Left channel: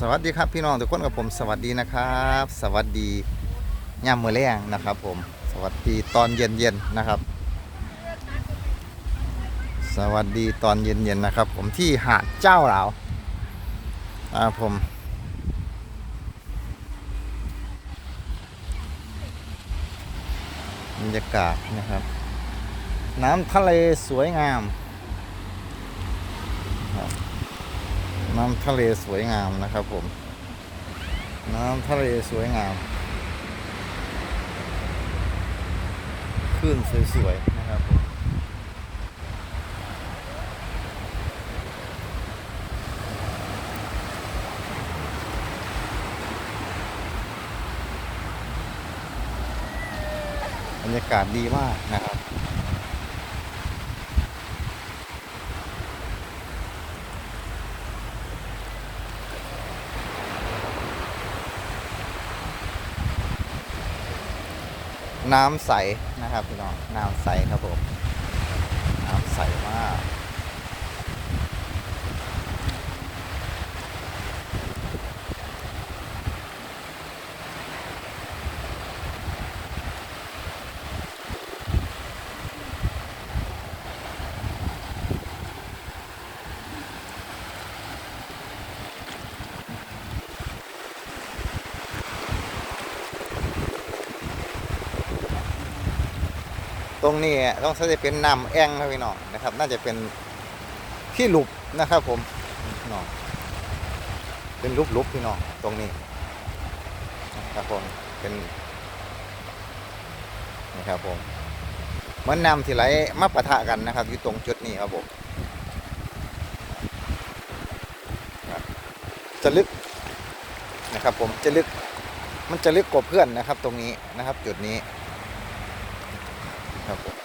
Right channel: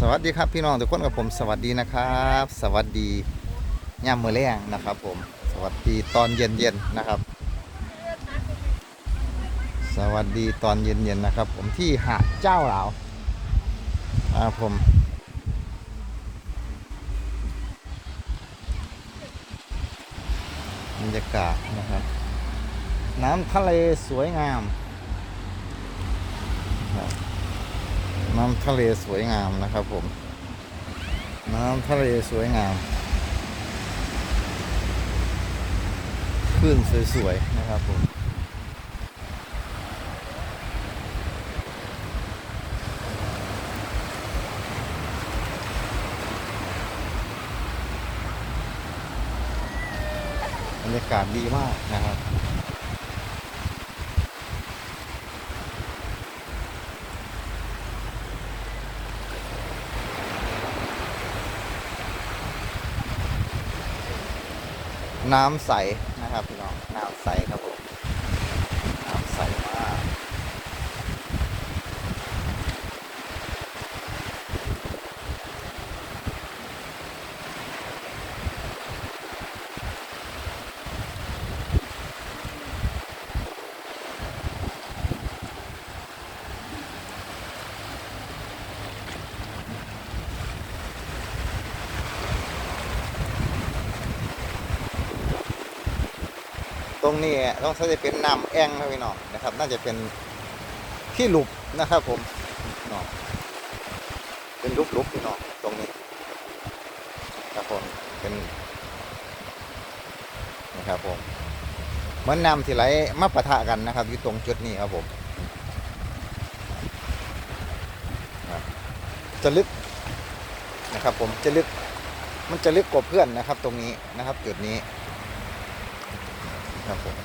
สวัสดีครับพี่น้องทุกคนกับผมสวัสดีนะครับ สวัสดีย่ามมือแรงนะครับ ผม สวัสดีตอนเย็นๆนนะครับ สวัสดีตอนเย็นๆนนะครับ ผมที่หาดเจ้าหลาวอ่าผมบรรยากาศนะครับ น้ำทะเลสวยงามครับ น้ำทะเลสวยงามนะครับผม น้ำทะเลสวยงามคลื่นสวยๆนะครับผมบรรยากาศดีมากนะครับ น้ำใสนะครับพี่น้อง น้ำใสครับผม น้ำใสมาก ต รงนี้ต้องใช้จะเป็นน้ำแอ่งนะพี่น้องนะครับ น่าจะเป็นที่หลุบนะครับ ผมพี่น้องเป็นลุบลุบพี่น้องตรงนี้นะครับผมเป็นนะครับผมเหมือนน้ำที่ไหลมาปะทะกันนะครับอยู่ตรงจุดนี้ครับผมจะลึกนะครับ ผมจะลึกมันจะลึกกว่าเพื่อนนะครับ ตรงนี้นะครับจุดนี้ ครับผม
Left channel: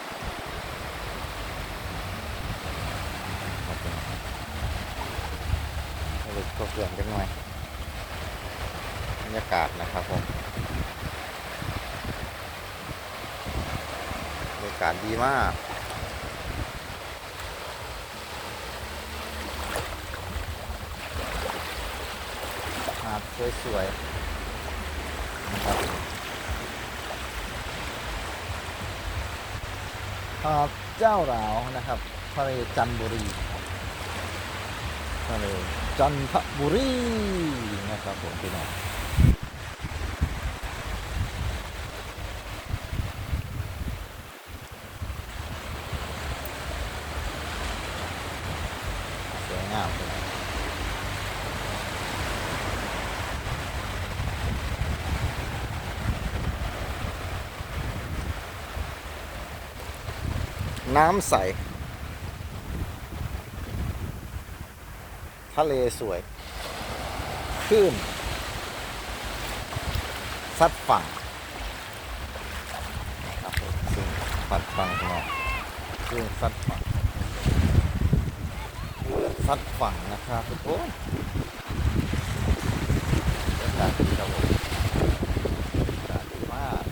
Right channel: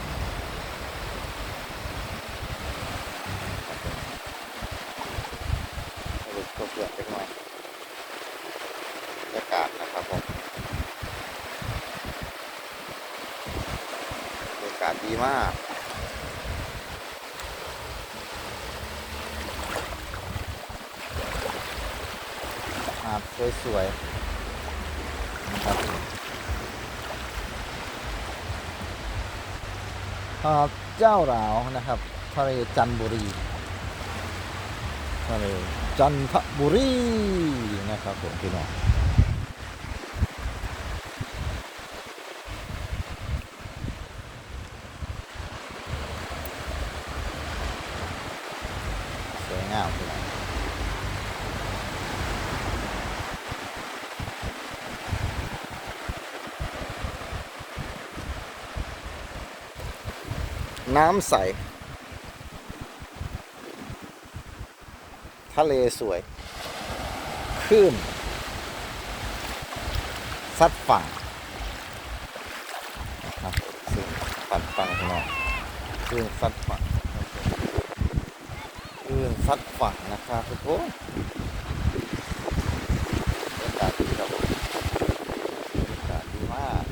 ครับให้ดูตัวเปลือกเล็กน้อยบรรยากาศนะครับผมบรรยากาศดีมากหาดสวยๆนะครับ หาดเจ้าหลาวนะครับทะเลจันทบุรีทะเลจันทบุรีนะครับผมพี่น้องสวยงามพี่น้อง น้ำใส ทะเลสวยคลื่นซัดฝั่งครับคลื่นซัดฝั่งข้างนอกคลื่นซัดฝั่งคลื่นซัดฝั่งนะครับทุกคนบรรยากาศดีครับผมบรรยากาศดีมาก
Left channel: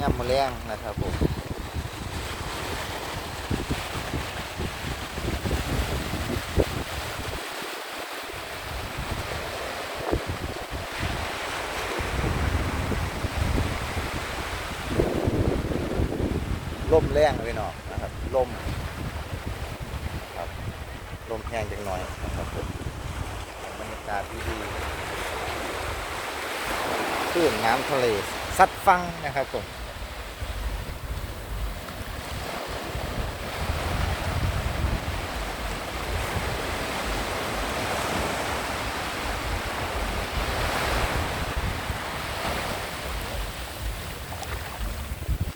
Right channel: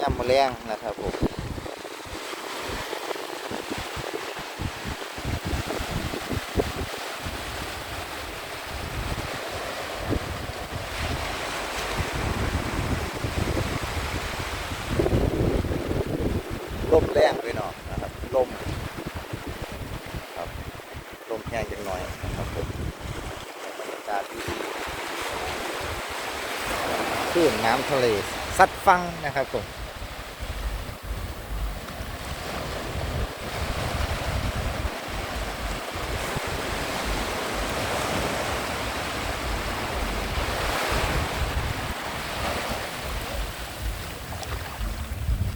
ย่ำมะแรงนะครับผม ล มแรงไปหน่อยนะครับลมครับลมแห้งจังหน่อยนะครับผมบรรยากาศดีๆคลื่นน้ำทะเลซัดฟังนะครับผม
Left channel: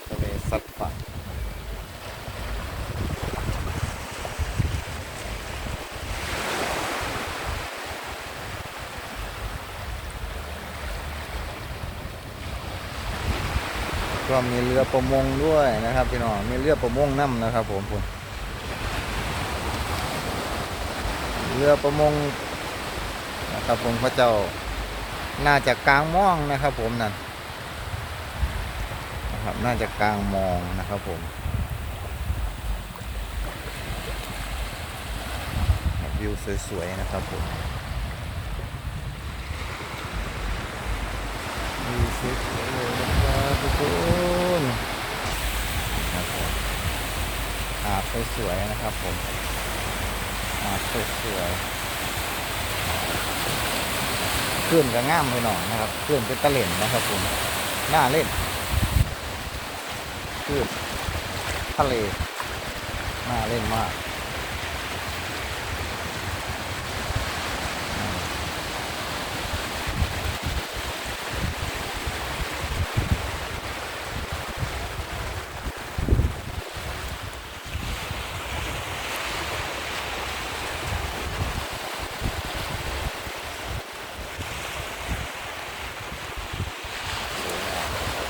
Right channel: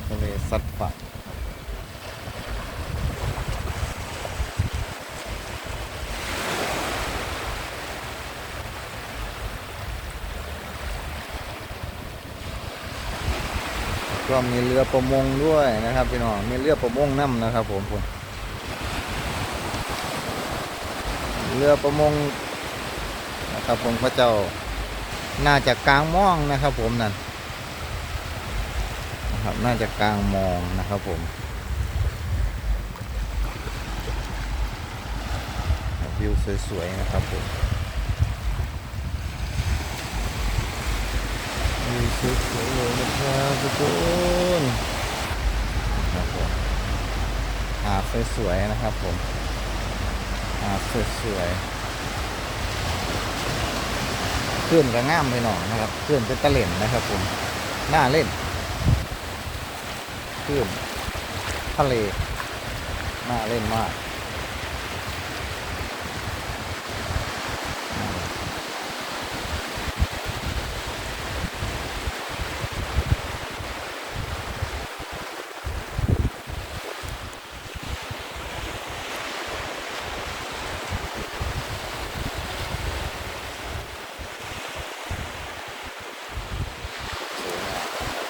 ทะเลซัดฝั่ง ก็มีเรือประมงด้วยนะครับพี่น้องมีเรือประมงน้ำนะครับ ผมคุณเรือประมงนะครับผมพระเจ้าน่าจะกลางม่องนะครับ ผมนั่นนะครับน่าจะกลางมองนะครับผมวิวสวยๆนะครับผม วิวสวยๆเลยนะครับทุกคนครับผมหาดสวยๆนะครับผมหาดสวยๆคลื่นก็ง่ามไปหน่อยนะครับคลื่นเป็นตะเล่นนะครับผมน่าเล่นคลื่นทะเลน่าเล่นมากน่าเล่น สวยงามนะครับ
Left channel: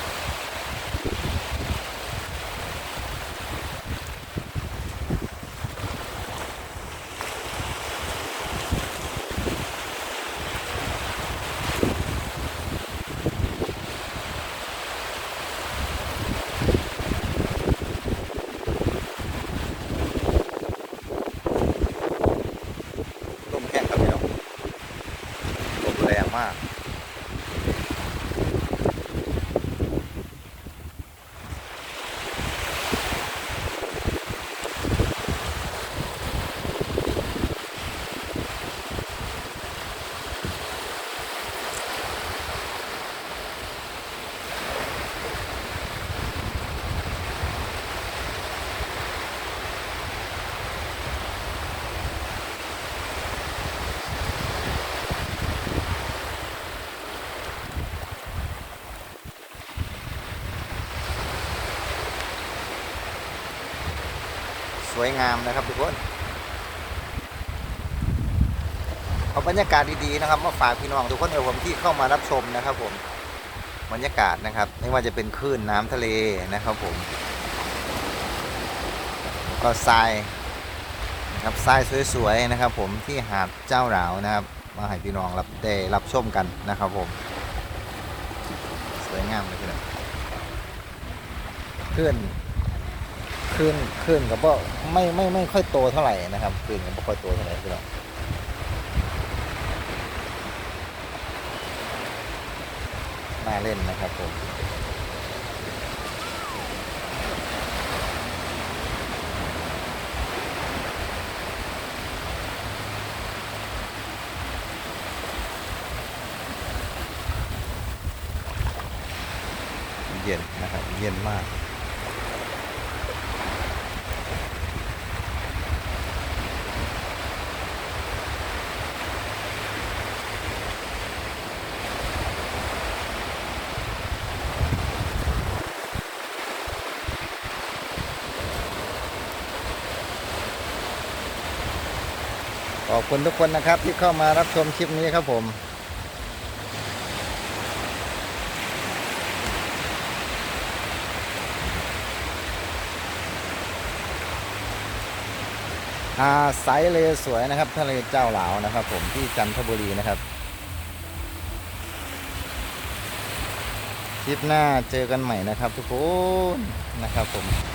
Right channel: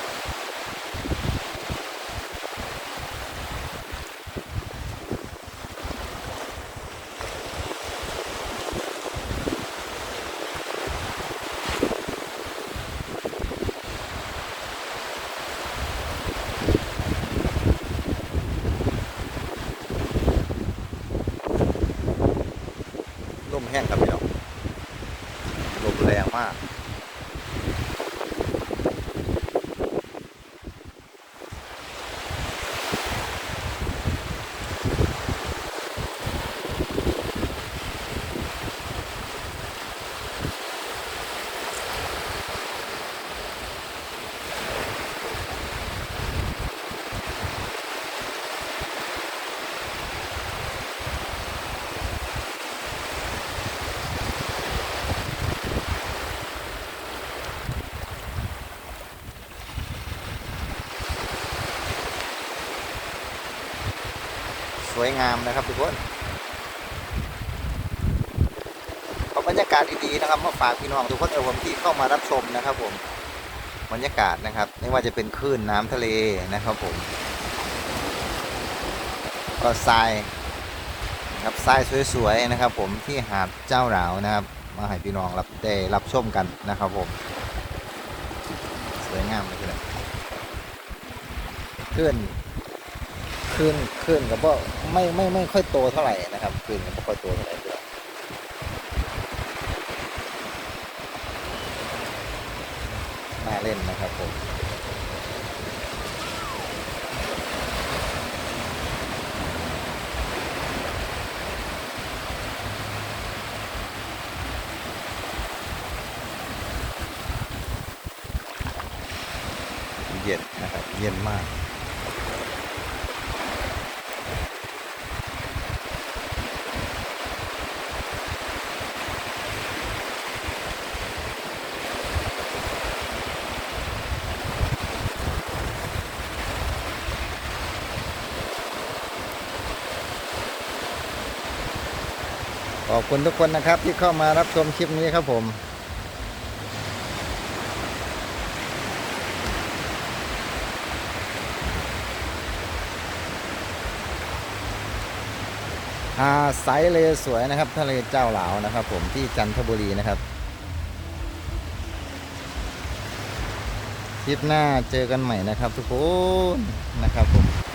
ลมแห้ งครับพี่น้องลมแรงมาก ส วยงามนะครับทุกคนเอาบรรยากาศดีๆนะครับมาฝากพี่น้องทุกคนเออผมที่เข้ามารับชมนะครับ ผมบรรยากาศนะครับ ไม่ว่าจะเป็นคลื่นน้ำทะเลนะครับ ผม ก็ทรายนะครับทรายสวยๆนะครับ ผมที่หาดเจ้าหลาวนะครับ มาให้พี่น้องรับได้รับชมกันนะครับ ผม สวยงามเลยพี่น้องคลื่น ขึ้นขึ้นกับว่าไม่ไม่ไม่ค่อยโตเท่าไหร่นะครับขึ้นกับไม่ค่อยโตเท่าไหร่พี่น้องน่าเล่นนะครับผมเย็นนะครับ เย็นมาก ข อบคุณทุกคนนะครับที่เข้ามารับชมคลิปนี้ครับผมหาดสายเลสวยนะครับ ทะเลเจ้าหลาวนะครับ ผมที่จันทบุรีนะครับคลิปหน้าเจอกันใหม่นะครับทุกคนนะครับผม